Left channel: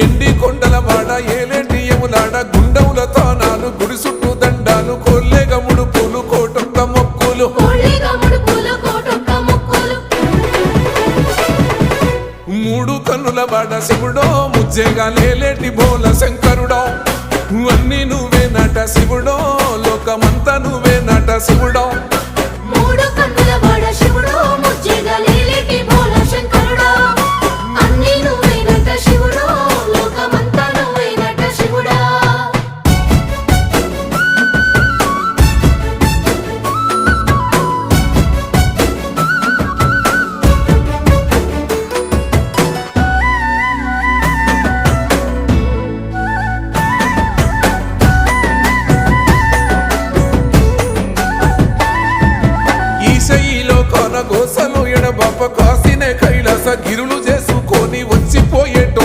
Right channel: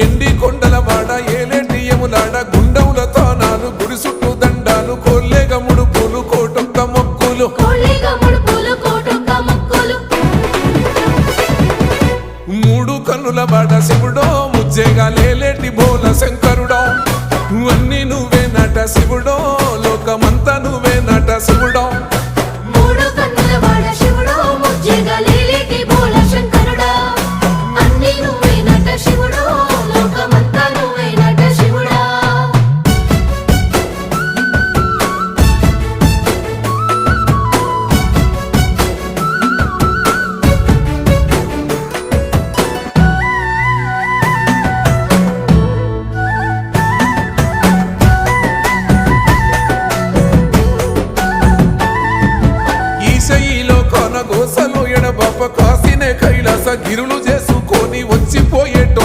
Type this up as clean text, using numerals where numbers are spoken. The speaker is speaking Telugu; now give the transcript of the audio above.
ఎండి కొండల వాడ ఏలేటి యములాడ గుండముల తానాలు గుడి చుట్టూ దండాలు కోల్లేగ ముడుపులు కోటొక్క మొక్కులు మూడు కన్నుల వాడ శివుడో ముజ్జేగా లేలేటి బోల శంకరుడో అన్ని నువ్వే నట శివుడో లోకమంతా నువ్వే నట శివుడో ఈశయిలో కొన గోసలు ఎడబాప కాసినే కైలాస గిరులు చేసుకొని వచ్చిపోయేటో